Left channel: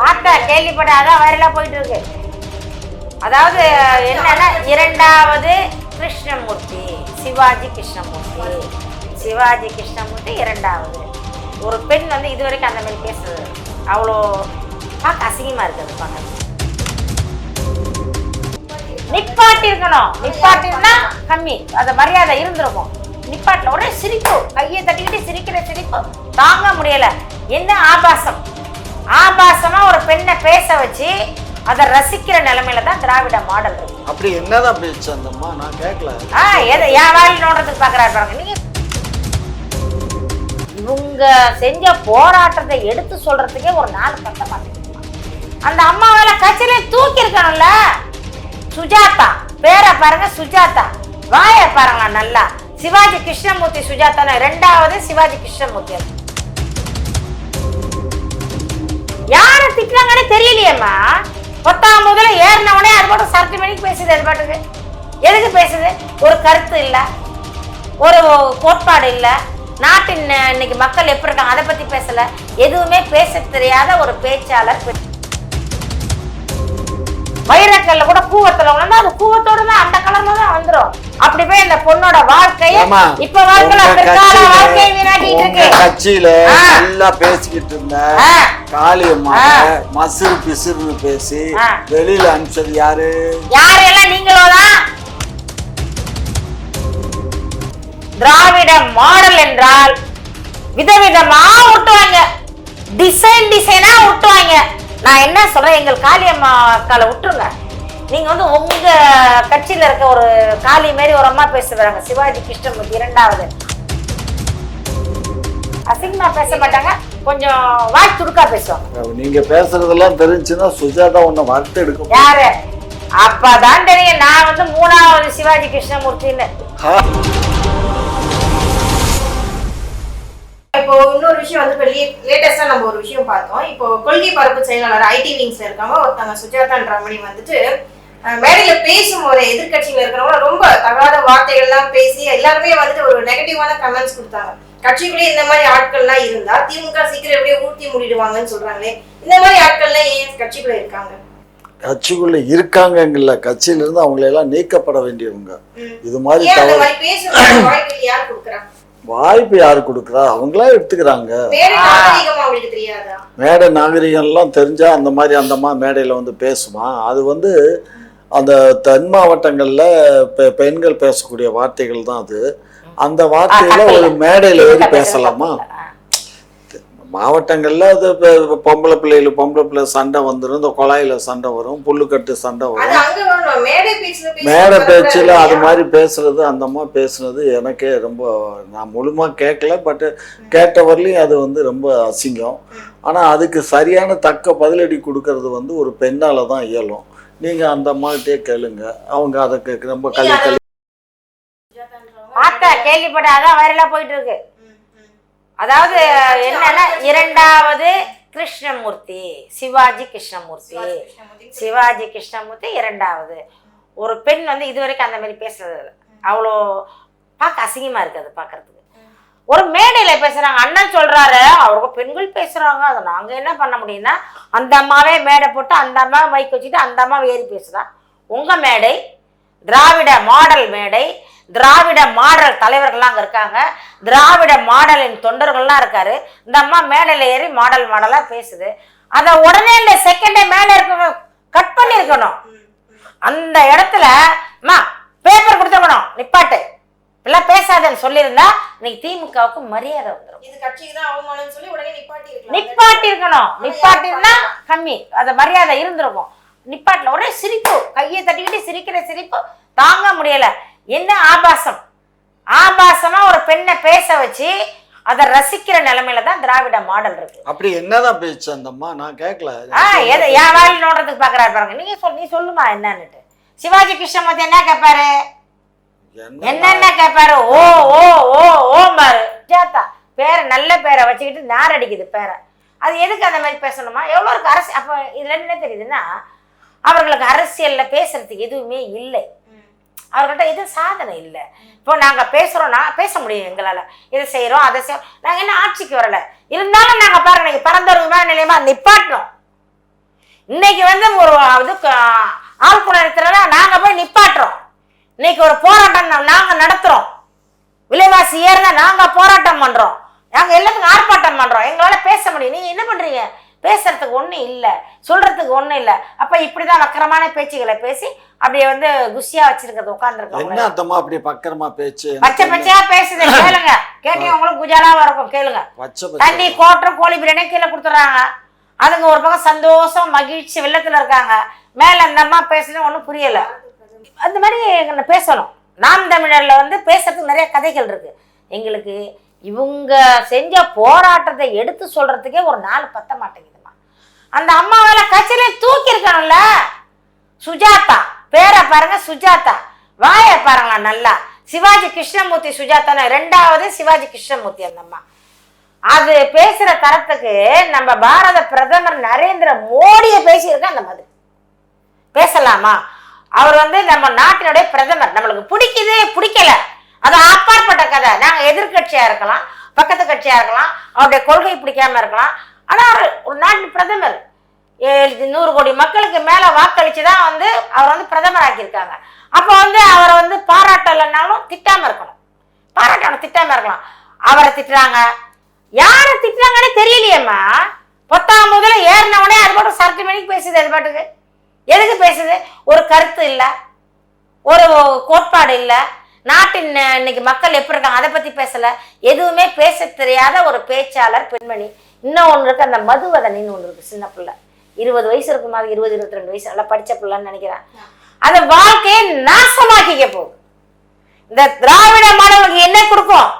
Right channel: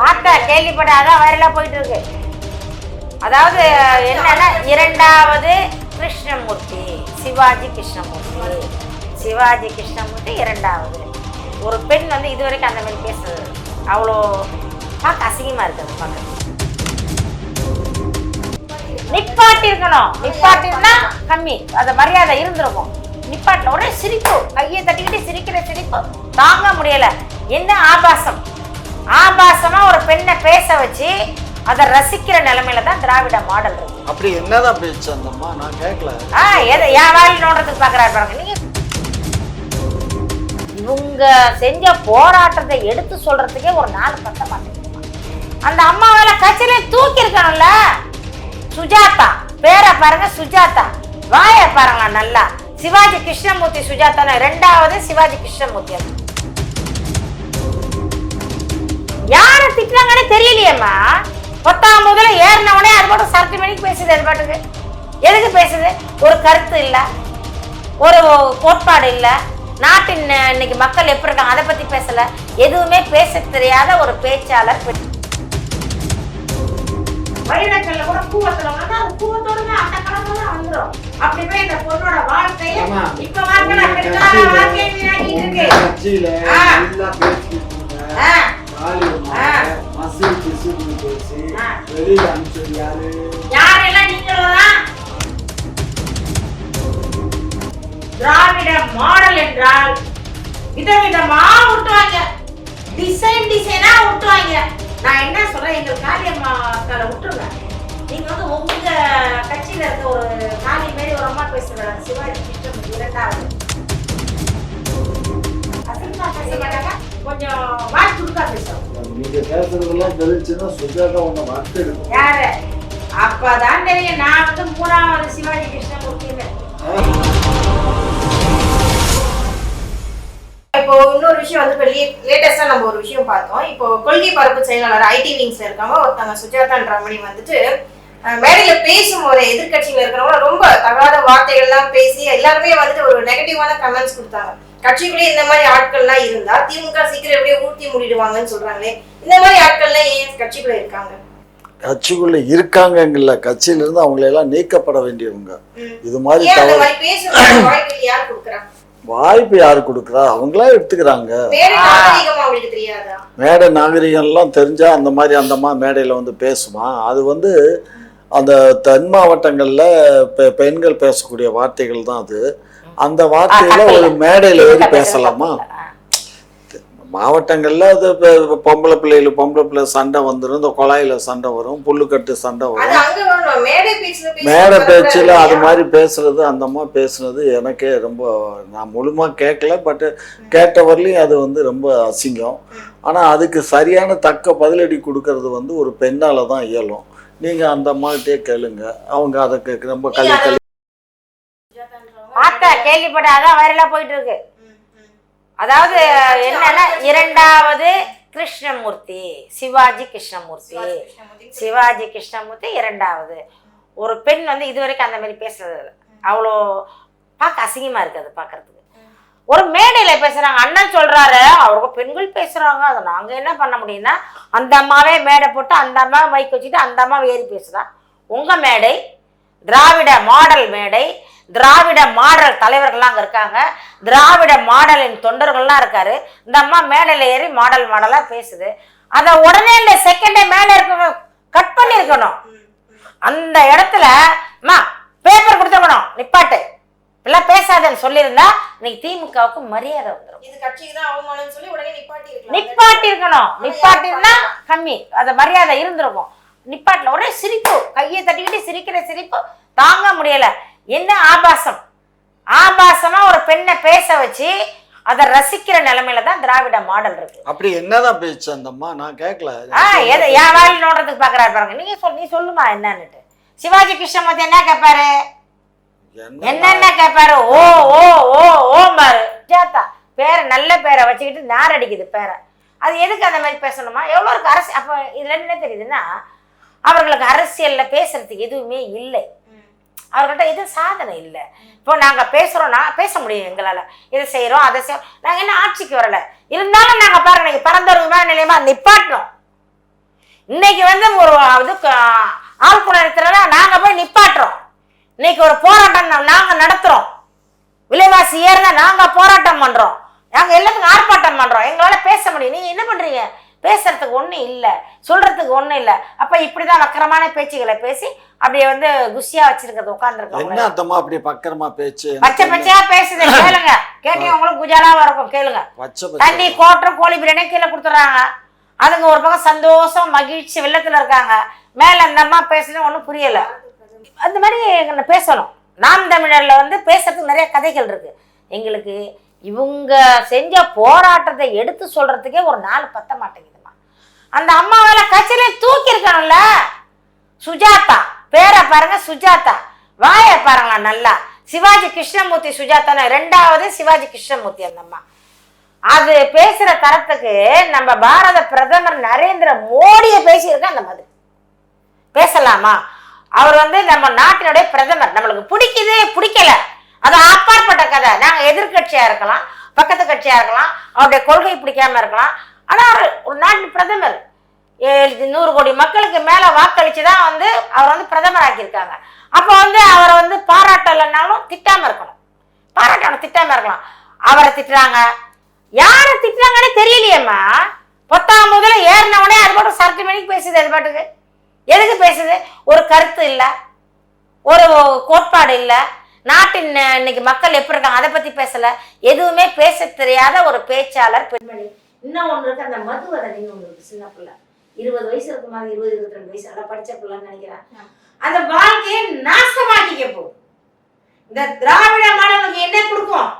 பார்த்தா கேள்விப்படாத அதான் வைரலா போயிட்டு இருக்கு அதாவது என்னன்னா இரண்டாவது கிருஷ்ணமூர்த்தி சிவாஜி கிருஷ்ணமூர்த்தி. சிவாஜி கிருஷ்ணமூர்த்தி இரண்டாவது. ஒரு பெண் வந்து இது வரைக்கும் அந்த மாதிரி பேசுறது அவ்வளோ பார்க்க அசிங்கமா இருக்குது பார்க்க. நிப்பாட்டி இருக்கணும் நிப்பாட்டினா கம்மி. அந்த மரியாதை இருந்திருக்கும். நிப்பாட்டில் ஒரே சிரிப்பு. கையை தட்டிக்கிட்டு சிரிக்கிற சிரிப்பு. தாங்க முடியல. என்ன ஆபாசம். ஆபாசமா ஒரு பெண்ணை பேச வச்சு அதை ரசிக்கிற நிலைமையில தான் திராவிட மாடல் இருக்கு. அப்படி என்னதான் பேச்சு அந்த அம்மா? நான் கேட்கல ஆ எதை? என் வாயில் நோடுறதுக்கு பார்க்குறாரு பாருங்க. நீங்க இவங்க செஞ்ச போராட்டத்தை எடுத்து சொல்றதுக்கே ஒரு நாலு பத்த மாட்டேங்குது அந்த அம்மாவால கட்சியில தூக்கி இருக்கணும்ல சுஜாதா. பேரை பாருங்க சுஜாதா. வாய பாருங்களா நல்லா. சிவாஜி கிருஷ்ணமூர்த்தி சுஜாதா ரெண்டாவது சிவாஜி கிருஷ்ணமூர்த்தி யார திட்டுறாங்கன்னு தெரியலையேம்மா. பத்தாம் முதல்ல ஏறின உடனே அது பாட்டு சரக்கு மணிக்கு பேசுது அது பாட்டுக்கு. எதுக்கு பேசுது? ஒரு கருத்து இல்லை. ஒரு கோட்பாடு இல்லை. நாட்டின் இன்னைக்கு மக்கள் எப்படி இருக்காங்க அதை பத்தி பேசல. எதுவுமே பேச தெரியாத ஒரு பேச்சாளர் வைரக்கல்ல கூட கூவத்தில் உணர்ந்தா அது கூவத்தோடு தான் அந்த கலர்ல தான் வந்துடும் அப்படி போய் அந்த பொண்ணோட வாழ்க்கைய. இப்ப வாழ்க்கையில கட்சியில-. நல்லா பேசிக்கிட்டு இருந்த. காளியம்மா. மசில் பிசுறு பேசி. வெளியில அனுப்பிச்சது யாரு யாரெல்லாம் நீங்களோ தான் திராவிட மாடல் என்றால் விதவிதமா விட்டுவாங்க டிசைன் டிசைனா விட்டுவாங்க நான் என்ன சொல்றேன் எங்கள் காளியம்மா அக்கால விட்டுருங்க நீங்க வந்து உங்க கட்சியில இருக்க ஒரு காளி மாதிரி ஒரு அம்மா பேசுறாங்க. சிவாஜி கிருஷ்ணமூர்த்தி இரண்டாவது. அசிங்கமா பேச மாட்டாங்க. கொஞ்சம் வாய் துடுக்கா பேசுவாங்க. நீங்க பேசுறதெல்லாம் தெரிஞ்சுன்னா சுஜாதா உன்னை வார்த்தை எடுக்கும். யாரு? அப்பதான் தெரியும். நான் வந்து மூணாவது சிவாஜி கிருஷ்ணமூர்த்தின்னு. இப்போ இன்னொரு விஷயம் வந்து இப்போ லேட்டஸ்டா நம்ம ஒரு விஷயம் பார்த்தோம். இப்போ கொள்கை பரப்பு செயலாளர் ஐடி விங்ஸ்ல இருக்காங்க. ஒருத்தவங்க சுஜாதா ரமணி வந்துட்டு மேடையில பேசும்போது எதிர்க்கட்சியில இருக்கிறவங்க ரொம்ப தகாத வார்த்தைகள்லாம் பேசி எல்லாருமே வந்துட்டு ஒரு நெகட்டிவான கமெண்ட்ஸ் கொடுத்தாங்க. கட்சிக்குள்ளே இந்த மாதிரி ஆட்கள்லாம் இருந்தா திமுக சீக்கிரம் எப்படியோ ஊர்த்தி மூடிடுவாங்கன்னு சொல்றாங்களே இந்த மாதிரி ஆட்கள்லாம் ஏன் கட்சிக்குள்ள இருக்காங்க? கட்சிக்குள்ள இருக்காங்கங்கல்ல கட்சியில இருந்து அவங்களை எல்லாம் நீக்கப்பட வேண்டியவங்க. இது மாதிரி அந்த வாய்ப்பு யார் கொடுக்குறா? வாய்ப்பு யாரு கொடுக்குறா? அவங்களா எடுத்துக்கிறாங்க. வேற நாகரிகமா மேடை நாகரிகம்லாம் தெரிஞ்சா அந்த மாதிரி அந்தம்மா மேடையில் வந்து பேசுமா? அது வந்து அந்த தென் மாவட்டங்களில் பெண்கள் பேசக்கூடிய வார்த்தைகள் தான் அது. அந்த வார்த்தையில ஒரு மேடையில் ஏறி பேசலாமா? மாவட்டங்களில் அது பொம்பளை பிள்ளைகள் பொம்பளை பிள்ளை சண்டை வந்துடும் இந்த குழாயில சண்டை வரும் புல்லுக்கட்டு சண்டை வரும். மேடை பேச்சுல அது? மாதிரி பேசுறது அந்த அம்மா பேசுனது எனக்கே ரொம்ப நான் முழுமா கேட்கல பட் கேட்ட வரலையும் அது வந்து ரொம்ப அசிங்கம். ஆனால் அதுக்கு சரியான தக்க பதிலடி கொடுக்கறது வந்து ஒரு பெண்ணால தான் இயலும். நீங்கள் அந்த அம்மாகிட்டே கேளுங்க அவங்க அதுக்கு ரொம்ப கல்வி கல்வி பார்த்த கேள்விப்பட்ட அதான் வைரலா போயிட்டு இருக்கு. அதாவது என்னன்னா இரண்டாவது கிருஷ்ணமூர்த்தி சிவாஜி கிருஷ்ணமூர்த்தி சிவாஜி கிருஷ்ணமூர்த்தி. இரண்டாவது ஒரு பெண் வந்து இது வரைக்கும் அந்த மாதிரி பேசுறது. அவ்வளோ பார்க்க அசிங்கமா இருக்கு அது பார்க்கறதுக்கு ஒரு மேடையில பேசுறாங்க. அண்ணன் சொல்றாரு அவங்க பெண்கள் பேசுறாங்க. அதை நாங்க என்ன பண்ண முடியும்னா அந்த அம்மாவே மேடை போட்டு அந்த அம்மா மைக் வச்சுட்டு அந்த அம்மா ஏறி பேசுறா உங்க மேடை திராவிட மாடல் மேடை திராவிட மாடல் தலைவர்கள்லாம் அங்க இருக்காங்க. திராவிட மாடலின் தொண்டர்கள்லாம் இருக்காரு. இந்த அம்மா மேடையில ஏறி மாடல் மாடலா பேசுது. அதை உடனே இல்லை செகண்டே மேலே இருக்க கட் பண்ணியிருக்கணும். அந்த இடத்துல அம்மா பேப்பர் கொடுத்துருக்கணும். நிப்பாட்டு. இப்பெல்லாம் பேசாதன்னு சொல்லியிருந்தா இன்னைக்கு திமுகவுக்கு மரியாதை வந்துடும் இது கட்சிக்கு தான் அவமானம்னு சொல்லி உடனே நிப்பாட்டி நிப்பாட்டி இருக்கணும் நிப்பாட்டினா கம்மி. அது மரியாதை இருந்திருக்கும். நிப்பாட்டில் ஒரே சிரிப்பு. கையை தட்டிக்கிட்டு சிரிக்கிற சிரிப்பு தாங்க முடியல. என்ன ஆபாசம்? ஆபாசமா ஒரு பெண்ணை பேச வச்சு அதை ரசிக்கிற நிலைமையில தான் திராவிட மாடல் இருக்கு. அப்படி என்னதான் பேச்சு அந்த அம்மா? நான் கேட்கல ஆ எதை என் வாயில் நோடுறதுக்கு பாக்குறாரு பாருங்க. நீங்க சொல் நீ சொல்லுமா என்னன்னுட்டு. சிவாஜி கிருஷ்ணமூர்த்தி என்ன கேட்பாரு என்னென்ன கேட்பாரு ஓ ஓ ஓ ஓ பாரு. ஜாத்தா பேரை நல்ல பேரை வச்சுக்கிட்டு நார் அடிக்குது பேரை. அது எதுக்கு அந்த மாதிரி பேசணுமா? எவ்வளோ இருக்கு அரசு அப்போ இதுல என்ன தெரியுதுன்னா அவர்களுக்கு அரசியல்ல பேசுறதுக்கு எதுவுமே இல்லை. அவர்கள்ட்ட எதுவும் சாதனை இல்லை. இப்போ நாங்க பேசுறோம்னா பேச முடியும் எங்களால. இதை செய்றோம் அதை செய்யறோம் நாங்க என்ன ஆட்சிக்கு வரல? இருந்தாலும் நாங்க பாருங்க நீங்க பரந்தூர் விமான நிலையமா நிப்பாட்டணும். இன்னைக்கு வந்து ஒரு இது ஆழ்குணத்துல நாங்க போய் நிப்பாட்டுறோம். இன்னைக்கு ஒரு போராட்டம் நாங்க நடத்துறோம். விலைவாசி ஏறினா நாங்க போராட்டம் பண்றோம். நாங்க எல்லாத்துக்கும் ஆர்ப்பாட்டம் பண்றோம். எங்களால பேச முடியும். நீங்க என்ன பண்றீங்க? பேசுறதுக்கு ஒண்ணும் இல்ல. சொல்றதுக்கு ஒண்ணும் இல்ல. அப்ப இப்படிதான் வக்கரமான பேச்சுகளை பேசி அப்படியே வந்து குஷியா வச்சிருக்கிறது என்ன உட்காந்துருக்கோம் அர்த்தமா அப்படி பக்கரமா பேச்சு? பச்சை பச்சையா பேசுது. கேளுங்க. கேட்டீங்க உங்களுக்கு குஜாலாவா இருக்கும். கேளுங்க. தண்ணி பச்சை. கோட்டரும் கோழி பிரியாணி கீழே கொடுத்துட்றாங்க. அதுங்க ஒரு பக்கம் சந்தோஷம் மகிழ்ச்சி வெள்ளத்துல இருக்காங்க. மேல அந்த அம்மா பேசுறது ஒன்றும் புரியல. அந்த மாதிரி எங்களை பேசணும். நாம் தமிழரில் வந்து பேசுறதுக்கு நிறைய கதைகள் இருக்கு. எங்களுக்கு இவங்க செஞ்ச போராட்டத்தை எடுத்து சொல்றதுக்கே ஒரு நாள் பத்த மாட்டேங்குதுமா அந்த அம்மாவால் கட்சியில தூக்கியிருக்கணும்ல சுஜாதா. பேரை பாருங்க சுஜாதா. வாய பாருங்களா நல்லா. சிவாஜி கிருஷ்ணமூர்த்தி சுஜாதா ரெண்டாவது சிவாஜி கிருஷ்ணமூர்த்தி அந்த அம்மா. அது பேசுற தரத்துக்கு நம்ம பாரத பிரதமர் நரேந்திர மோடியை பேசியிருக்க அந்த மாதிரி. பேசலாமா? அவர் வந்து நம்ம நாட்டினுடைய பிரதமர். நம்மளுக்கு பிடிக்குது பிடிக்கல. அது அப்பாற்பட்ட கதை. நாங்க எதிர்கட்சியா இருக்கலாம் பக்கத்து கட்சியா இருக்கலாம் அவருடைய கொள்கை பிடிக்காம இருக்கலாம். ஆனா அவர் ஒரு நாட்டு பிரதமர். ஏழு- நூறு கோடி மக்களுக்கு மேல வாக்களித்து தான் வந்து அவர் வந்து பிரதமர் ஆக்கியிருக்காங்க அப்போ வந்து அவரை வந்து பாராட்டலைன்னாலும் திட்டாம இருக்கணும் பாராட்டணும் திட்டாம இருக்கலாம். அவரை திட்டுறாங்க. யாரை திட்டுறாங்கன்னு தெரியலையேம்மா. பத்தாம் முதல்ல ஏறின அது பாட்டு சரட்டு மணிக்கு பேசுது அது பாட்டுக்கு. எதுக்கு பேசுது? ஒரு கருத்து இல்லை. ஒரு கோட்பாடு இல்லை. நாட்டின் இன்னைக்கு மக்கள் எப்படி இருக்காங்க அதை பத்தி பேசல. எதுவுமே பேச தெரியாத ஒரு பேச்சாளர் பெண்மணி. இன்னும் ஒன்று இருக்கு அந்த மதுவதனின்னு ஒன்று இருக்கு சின்ன பிள்ளை. இருபது வயசு இருக்குமா இருபது இருபத்தி ரெண்டு வயசு. நல்லா படிச்ச பிள்ளைன்னு நினைக்கிறேன். அந்த வாழ்க்கையை நாசமாக்கிக்க போகுது. இந்த திராவிட மாடல் என்ன கொடுக்கும்?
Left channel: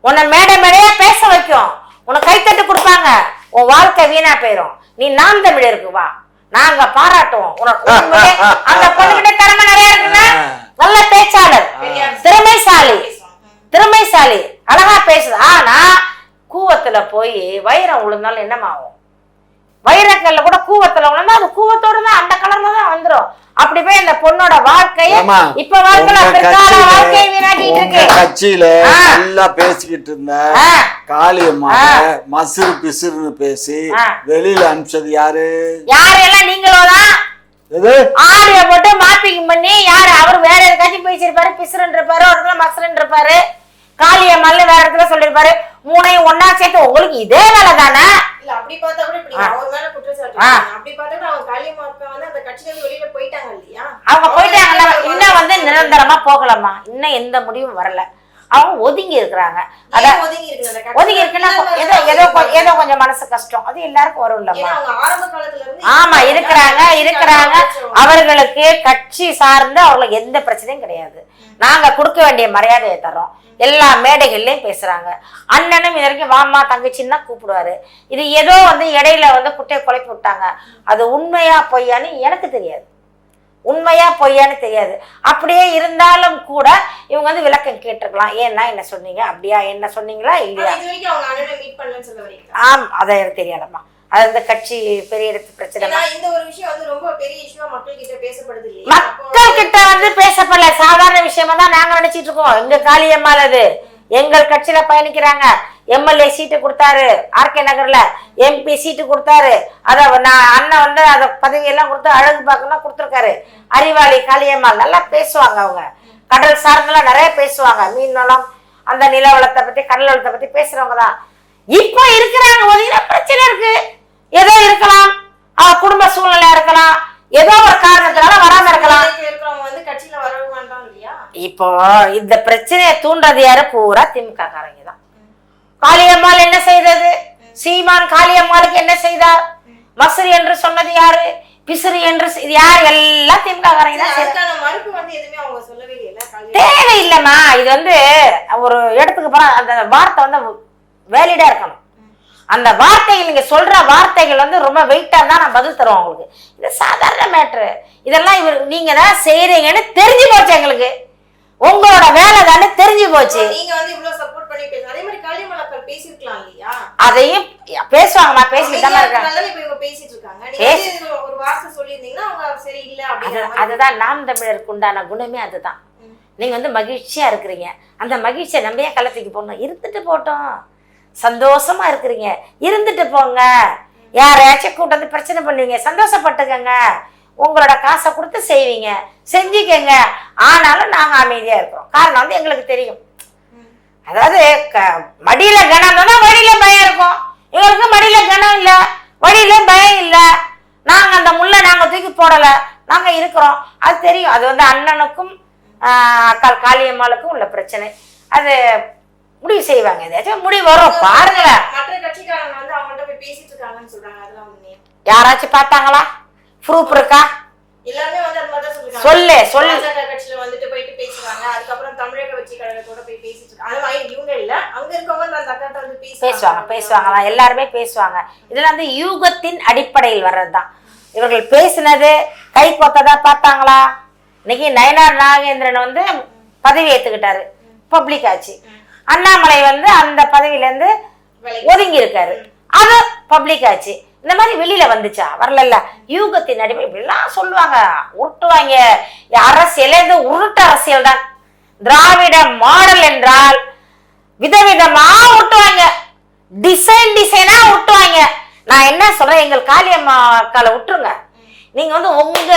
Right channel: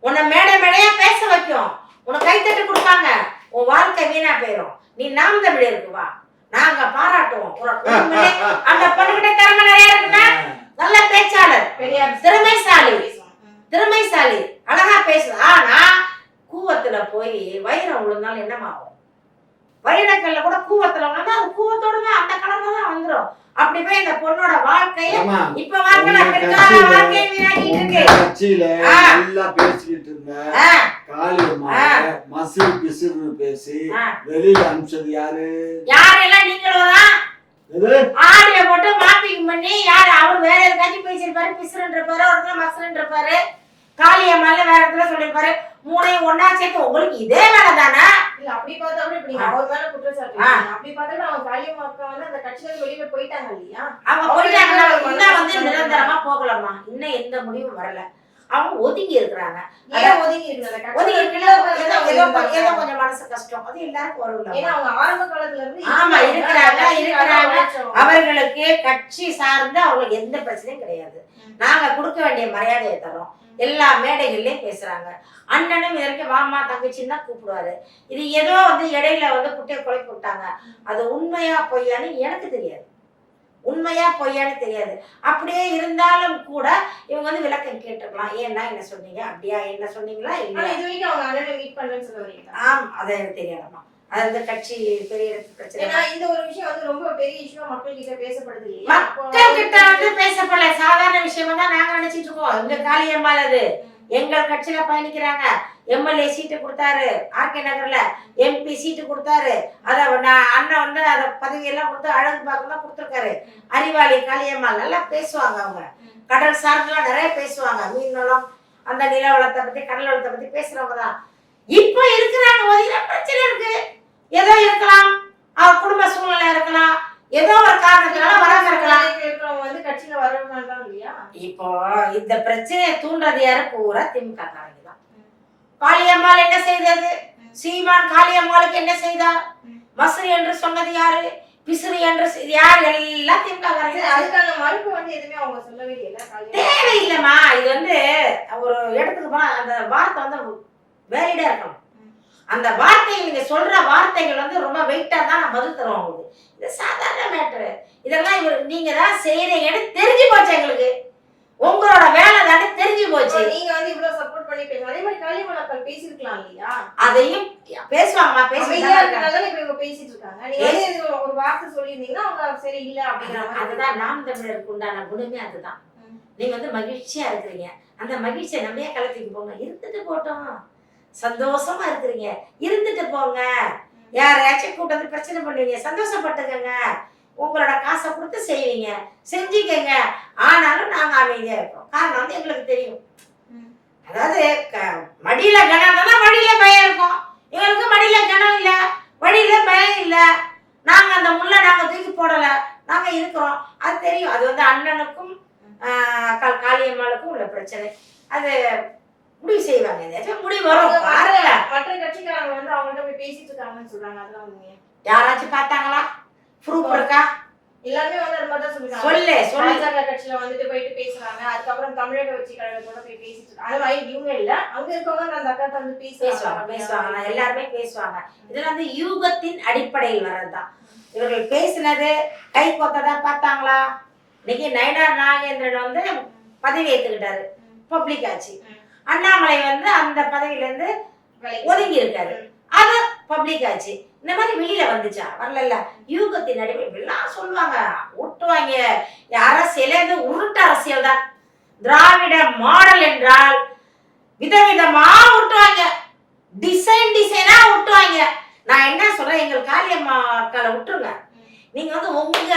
உன்னை மேடை மேடையா பேச வைக்கும். உனக்கு கைத்தட்டு கொடுப்பாங்க. உன் வாழ்க்கை வீணா போயிடும் நீ நாம் தமிழருக்கு வா. நாங்க பாராட்டுவோம் உனக்கு. அந்த பொண்ணுகிட்ட திறமை நிறைய இருக்குன்னா நல்ல பேச்சாளர். திறமைசாலி. திறமைசாலி. அழகா பேசுது. ஆனா கூவத்துல போய் வைரம் விழுந்தாலும் என்னமாகும் வைரக்கல்ல கூட கூவத்துல விழுந்தா அது கூவத்தோட தான் அப்படி போய் இந்த பொண்ணோட வாழ்க்கைய. இப்ப வாழ்க்கையில பிற்கால கட்சியில- வாழ்க்கையை வீணாக்கிட்டு இருக்கு. கட்சியில. நல்லா பேசிக்கிட்டு இருந்தேன். காளியம்மா. மசுறு பிசுறுன்னு பேசி. வெளியில அனுப்பிச்சது யாரு? யாரெல்லாம் நீங்களும் தான் எது? ஆடியோ போட்டு மாப்பிங் பண்ணி யாரு? அவர் வேற எதுக்காச்சும் பேசியிருப்பாரு பிசுறன் இருப்பாரு ஒரு இடத்துல மசுரன் இருப்பாரு காளியம்மல்ல வேற இடத்துல சொல்லியிருப்பாரு. மூணையும் ஒண்ணா சேர்த்து உங்களுக்கு இதே வேலை தானே அவங்க வந்து இன்னும் நிரந்தரமா போகலாமா இன்னும் எந்த முடிவும் வரல. அவங்க ஒதுங்கி இருக்கிறாங்க. ஒதுங்கி இருக்குன்னா ஏதோ கொஞ்சம் மனசு கஷ்டம். அது எல்லாருக்கும் வரும் ஆமா இருக்கிறாங்க. இருக்கிறாங்க. அவர்களுக்கு கட்சி சார்ந்து அவங்களுக்கு எந்த பிரச்சனையும் கிடையாது. நாங்க கொடுக்க வேண்டிய மரியாதையை தரோம் எல்லா மேடைகள்லயும் பேசுறாங்க. அண்ணனும் இது வரைக்கும் வாமா தங்கச்சின்னு தான் கூப்பிடுவாரு. இது ஏதோ வந்து இடையில வந்து குட்டையை குழப்பி விட்டாங்க. அது உண்மையா பொய்யான்னு எனக்கு தெரியாது. உண்மையா பொய்யான்னு தெரியாது. அப்படியே இருந்தாலும் கூட இவங்க வந்து விளக்கம் கேட்டிருக்கலாம். ஏன்னா என்ன சொன்னீங்க? அப்படியா? என்ன சொன்னீங்களா? இல்லையா? ஆம் அதை எனக்கு தெரியாதம்மா. அது வந்து கட்சி பெரிய இடத்து பிரச்சனை. இந்த ஒரு விஷயம் வந்து ரொம்ப பெரிய இஷ்யூவா மக்கள் கிட்ட பேசப்படுது மக்கள் கிட்ட வந்து பேசப்படல. சாதாரண விஷயமா தான் நாங்க நினைச்சிட்டு இருக்கோம். எங்க காளியம்மானது எங்கள் கட்சியில பயணிக்கிறாங்க. எம்எல்ஏ சீட்டு கொடுத்தாரு. ஆர்கே நகர்ல எம்பி சீட்டு கொடுத்தாரு. அத நான் அண்ணன் வந்து அத பதவி எல்லாம் கொடுத்து அழகு பார்க்கலாம் கொடுத்துருக்காரு. அறிவாளி காளியம்மாள் நல்லா பேசுவாங்க அவங்க. கடல் சார்ந்தெல்லாம் நிறைய பேசுவாங்க. மீன் வளம் அந்த நில வளத்தை பத்தி கடல் வளத்தை பத்தி பேசுறவங்க தான். இப்ப இருக்கிறாங்க. ஒதுங்கின பிரச்சனை இருக்கு. ஏதோ இருக்கலாம். அவ குடும்ப சூழ்நிலையா இருக்கலாம். ஏதோ ஒரு காரணத்தினால வராம இருக்கலாம். இப்போ இந்த பிரச்சனையை தூண்டுறது யாரு? பூரா திமுக காரங்க தான். காளியம்மாள் என்ன செய்தது? சீமான் காளியம்மாளுக்கு என்ன செய்தார்? மசுரி என்று சொன்னது யாரு? பிசுறு என்று இது யார்? எல்லாம் திமுக. தேவையில்லைம்மா. இது வந்து ஒரு இடத்துக்கு போனா அந்த வார்த்தை வந்து வேலிடா இருக்கணும். அந்த வார்த்தைகள் நீங்க சொல்ற வார்த்தைகள் வந்து ரொம்ப வெயிட்டா தான் நான் பதில் தருவோம் உங்களுக்கு. இது சாதாரண மேட்ரு இதெல்லாம் இவர் நீங்க தான் செய்றீங்கன்னு தெரிஞ்சு போச்சு எங்களுக்கு. உங்களோட வேலை தானே தெரிஞ்சு போச்சு. நீங்க வந்து இவ்வளவு சப்போர்ட் பண்ணி பேசுங்க அதே மாதிரி காளியம்மா அக்கா பேசிருக்கலாம் இல்லையா? அதையும் பேசுவாங்கம்மா பேசிட்டு தான் இருக்காங்க பேசிட்டு இருக்காங்க ஒரு வார்த்தை சொல்லியிருந்தீங்கன்னா அவங்க சரி இல்ல மாதிரி. அதுதான் நாம் தமிழருக்கு உண்டான குணமே அதுதான். நீங்க வந்து மகிழ்ச்சியா இருக்கிறீங்க. அந்த மகிழ்ச்சியை நம்ம ஏன் களத்துக்கு போடணும்? இருந்துட்டு போட்டோம். சந்தோஷமா இருக்கிறீங்க. இருந்துட்டு போங்க. யாரையாச்சும் கூட்டு வந்து பிரச்சனை பண்ணுவீங்க சந்தோஷப்பட்டுக்கங்க. உங்களோட காசை கொடுத்து செய்வீங்க. செஞ்சுக்கங்க. ஆனாலும் நாங்கள் அமைதியாக இருக்கிறோம். காரணம் வந்து எங்களுக்கு தெரியும். அதாவது க- மடியில கனம் தான் வழியில பயம் இருக்கும். எங்களுக்கு மடியில கனம் இல்லை. வழியில பயம் இல்லை. நாங்கள் அந்த முல்லை நாங்கள் தூக்கி போடலை. நாங்கள் இருக்கிறோம். அது தெரியும். அது வந்து அண்ணனுக்கும் அக்கா காளியம்மாளுக்கும் உள்ள பிரச்சனை. அது முடிவு செய்வாங்க. ஏதாச்சும் முடிவு வரும். பாருங்களேன் யாராச்சும் பார்த்தாங்களா? ப்ரூஃப் இருக்கா? எல்லாருமே வந்து மாதிரி சொல்லு சொல்லு. பாஜக கட்சியில வந்துட்டு போயிட்டு பேசுறாங்க அதுக்கப்புறம் தமிழக கட்சி கழகத்தோட போய் பேசிட்டு இருக்காங்க. அது மாதிரி இவங்க இல்ல. அங்க இருக்கவங்க அந்த அக்கா வந்து பேசுவாங்க. எல்லாருமே பேசுவாங்க. இதெல்லாம் வந்து யூகத்தின் அடிப்படையில் வர்றதுதான். இவர்கள் பேசினது கை கொத்ததா பார்த்தாங்களா? இன்னைக்கு நயனார் நாகேந்திரன் வந்து பதவி ஏத்துக்கிட்டாரு. பப்ளிக் ஆச்சு. அண்ணாமலை வந்து அந்த பதவியில இருந்து ஒதுங்கி இருக்காரு அது பப்ளிக் ஆச்சு. இந்த மாதிரி வெளியில வந்துச்சா? வரல யூகத்தின் அடிப்படை இப்படிலாம் சொல்லுவாங்க. உருட்டுவாங்க அரசியலே இருந்து உருட்டு அரசியல் தான். திராவிட மாடல் என்றால் விதவிதமா விட்டுவாங்க டிசைன் டிசைனா விட்டுவாங்க நான் என்ன சொல்றேன்? எங்கள் காளியம்மா அக்கால விட்டுருங்க. நீங்க வந்து உங்க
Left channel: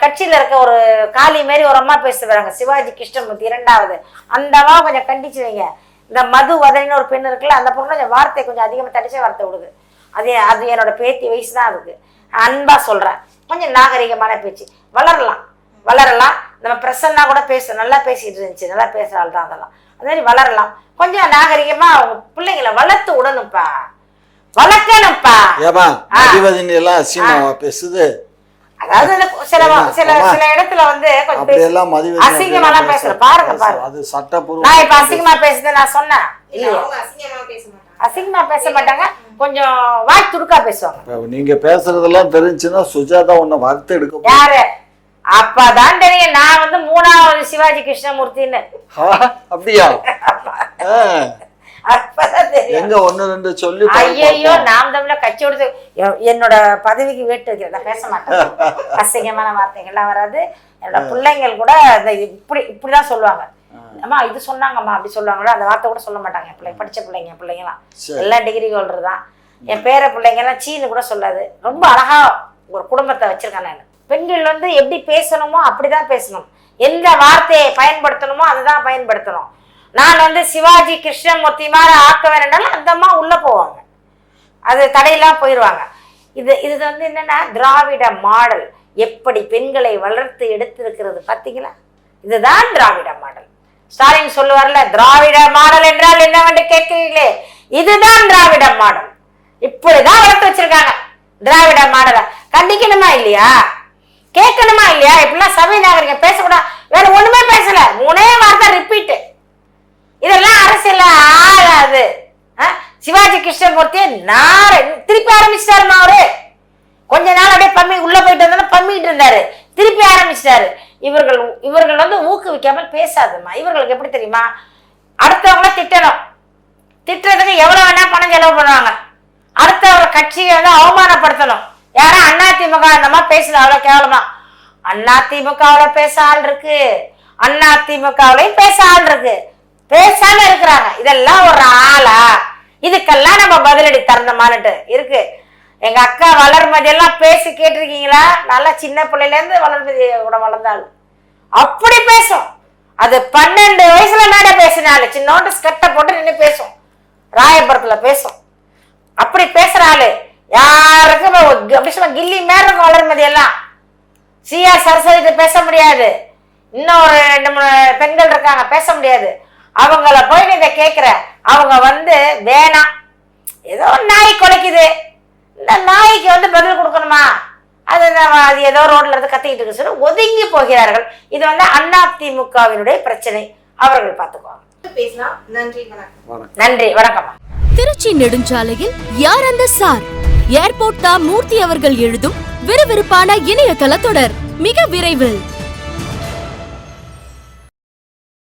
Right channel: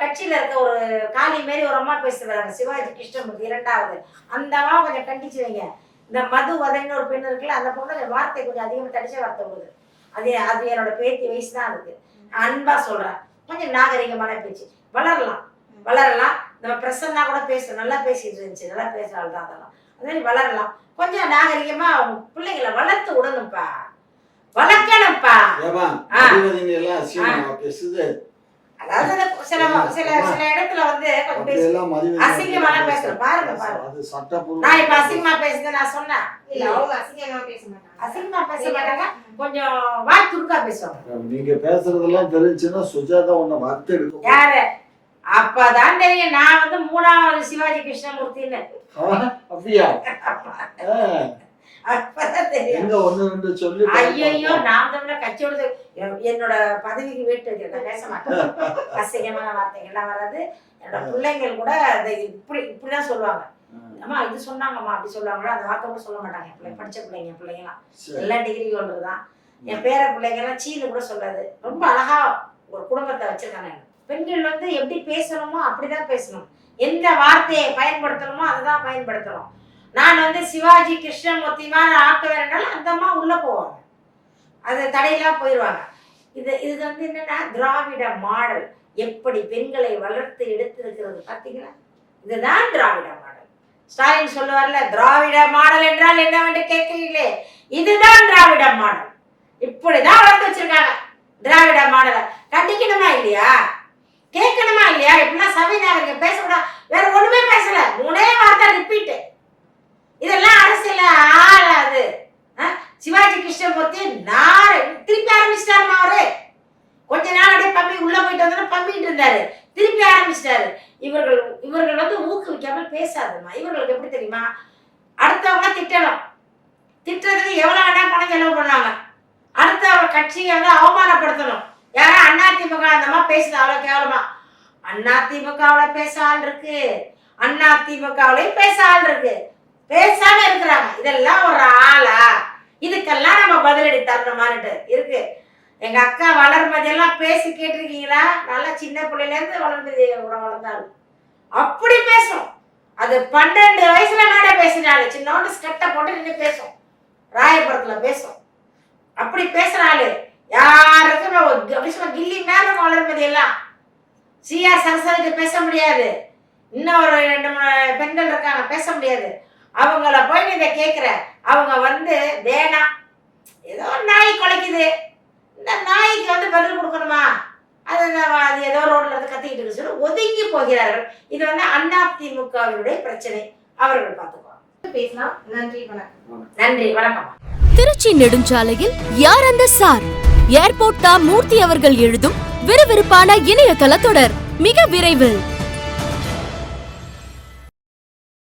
கட்சியில இருக்க ஒரு காளி மாதிரி ஒரு அம்மா பேசுறாங்க சிவாஜி கிருஷ்ணமூர்த்தி இரண்டாவது. அந்த அம்மா கொஞ்சம் கண்டிச்சு வைங்க. இந்த மது வதனின்னு ஒரு பெண் இருக்குல்ல அந்த பொண்ணு கொஞ்சம் வார்த்தை கொஞ்சம் அதிகமா தடிச்ச வார்த்தை விடுது. அது அது என்னோட பேத்தி வயசு தான் இருக்கு அன்பா சொல்றேன். கொஞ்சம் நாகரிகமான பேச்சு. வளரலாம். வளரலாம். நம்ம பிரசன்னா கூட பேச. நல்லா பேசிட்டு இருந்துச்சு. நல்லா பேசுறாள் தான் அதெல்லாம். அது மாதிரி வளரலாம். கொஞ்சம் நாகரிகமா பிள்ளைங்களை வளர்த்து விடணும்ப்பா வளர்க்கணும்ப்பா ஏமா எல்லாம் பேசுது. அதாவது சில? சில. சில இடத்துல வந்து கொஞ்சம் அசிங்கமாலாம் பேசுற பாருங்க பாருங்க. அது சட்டப்பூர்வம் நான் இப்ப அசிங்கமா பேசுறது நான் சொன்னேன். அசிங்கமா பேச மாட்டாங்க. அசிங்கமா பேச மாட்டாங்க. கொஞ்சம் வாய் துடுக்கா பேசுவாங்க. நீங்க பேசுறதெல்லாம் தெரிஞ்சுன்னா சுஜாதா உன்னை வார்த்தை எடுக்க முடியாது. யாரு? அப்பதான் தெரியும். நான் வந்து மூணாவது சிவாஜி கிருஷ்ணமூர்த்தின்னு. ஆ, அப்படியா? எங்க ஒண்ணு ரெண்டு சொல்லி ஐயோ நாம் என்னோட பதவிக்கு வேட்டு வைக்கிறத? பேச மாட்டேன் அசிங்கமான வார்த்தைகள்லாம் வராது. என்னோட பிள்ளைங்கள் கூட இதை இப்படி இப்படிதான் சொல்லுவாங்க. அம்மா இது சொன்னாங்கம்மா அப்படி சொல்லுவாங்களோ? அந்த வார்த்தை கூட சொல்ல மாட்டாங்க பிள்ளை படிச்ச பிள்ளைங்க பிள்ளைங்களாம் சரி. எல்லா டிகிரி ஹோல்டர் தான். என் பேர பிள்ளைங்கலாம் சீனு கூட சொல்லாது. ரொம்ப அழகா ஒரு குடும்பத்தை வச்சிருக்கேன் நான். பெண்கள் வந்து எப்படி பேசணுமோ அப்படிதான் பேசணும். எந்த வார்த்தையை பயன்படுத்தணுமோ அதுதான் பயன்படுத்தணும். நான் வந்து சிவாஜி கிருஷ்ணமூர்த்தி மாதிரி ஆக்க வேண்டாலும் அந்த அம்மா உள்ள போவாங்க. அது தடையெல்லாம் போயிடுவாங்க இது இது வந்து என்னன்னா திராவிட மாடல் எப்படி பெண்களை வளர்த்து எடுத்திருக்கிறது பார்த்தீங்களா? இதுதான் திராவிட மாடல். ஸ்டாலின் சொல்லுவார்ல திராவிட மாடல் என்றால் என்னவென்று கேட்கிறீங்களே இதுதான் திராவிட மாடல். இப்படிதான் வளர்த்து வச்சிருக்காங்க. திராவிட மாடலை. கண்டிக்கணுமா இல்லையா? கேட்கணுமா இல்லையா? இப்படிலாம் சபை நாகரிகம் பேசக்கூடாது. வேற ஒண்ணுமே பேசல. மூணே வார்த்தை ரிப்பீட்டு இதெல்லாம் அரசியல ஆகாது. ஆ? சிவாஜி கிருஷ்ணமூர்த்தி நார திருப்பி ஆரம்பிச்சிட்டாருமா அவரு கொஞ்ச நாள் அப்படியே பம்மி உள்ள போயிட்டு வந்தாலும் பம்மிட்டு இருந்தாரு. திருப்பி ஆரம்பிச்சிட்டாரு. இவர்கள் இவர்கள் வந்து ஊக்குவிக்காமல் பேசாதுமா இவர்களுக்கு எப்படி தெரியுமா? அடுத்தவங்கள திட்டணும். திட்டுறதுக்கு எவ்வளவு வேணா பணம் செலவு பண்ணுவாங்க. அடுத்தவங்க கட்சியை வந்து அவமானப்படுத்தணும். யாரும் அண்ணா திமுக அந்த மாதிரி பேசுது அவ்வளவு கேவலமா? அண்ணா திமுகவுல பேச ஆள் இருக்கு. அண்ணா திமுகவுலயும் பேச ஆள் இருக்கு. பேசாம இருக்கிறாங்க. இதெல்லாம் ஒரு ஆளா? இதுக்கெல்லாம் நம்ம பதிலடி தரணுமான்ட்டு இருக்கு. எங்க அக்கா வளர்மதி எல்லாம் பேசி கேட்டிருக்கீங்களா? நல்லா சின்ன பிள்ளையில இருந்து வளர்மதி கூட வளர்ந்தாள். அப்படி பேசும். அது பன்னெண்டு வயசுல மேடை பேசினாலு சின்னோண்டு ஸ்கெட்டை போட்டு நின்று பேசும். ராயபுரத்துல பேசும். அப்படி பேசுற ஆளு யாருக்கும் அவ- அப்படி கில்லி மேல இருக்கும் வளர்மதி எல்லாம் சிஆர் சரஸ்வதி பேச முடியாது. இன்னும் ஒரு ரெண்டு மூணு பெண்கள் இருக்காங்க பேச முடியாது. அவங்கள போய் நீங்க கேக்குற. அவங்க வந்து வேணாம். ஏதோ ஒரு நாய் குலைக்குது. இந்த நாய்க்கு வந்து பதில் கொடுக்கணுமா? அது நம்ம- அது ஏதோ ரோட்ல இருந்து கத்திக்கிட்டு இருக்கு சொல்லி ஒதுங்கி போகிறார்கள். இது வந்து அண்ணா திமுகவினுடைய பிரச்சனை. அவர்கள் பார்த்துக்குவாங்க பேசலாம். நன்றி வணக்கம். வணக்கம். நன்றி வணக்கம்மா திருச்சி நெடுஞ்சாலையில் யார் அந்த சார்? ஏர்போர்ட் தா மூர்த்தி அவர்கள் எழுதும் விறுவிறுப்பான இணையதள தொடர். மிக விரைவில்.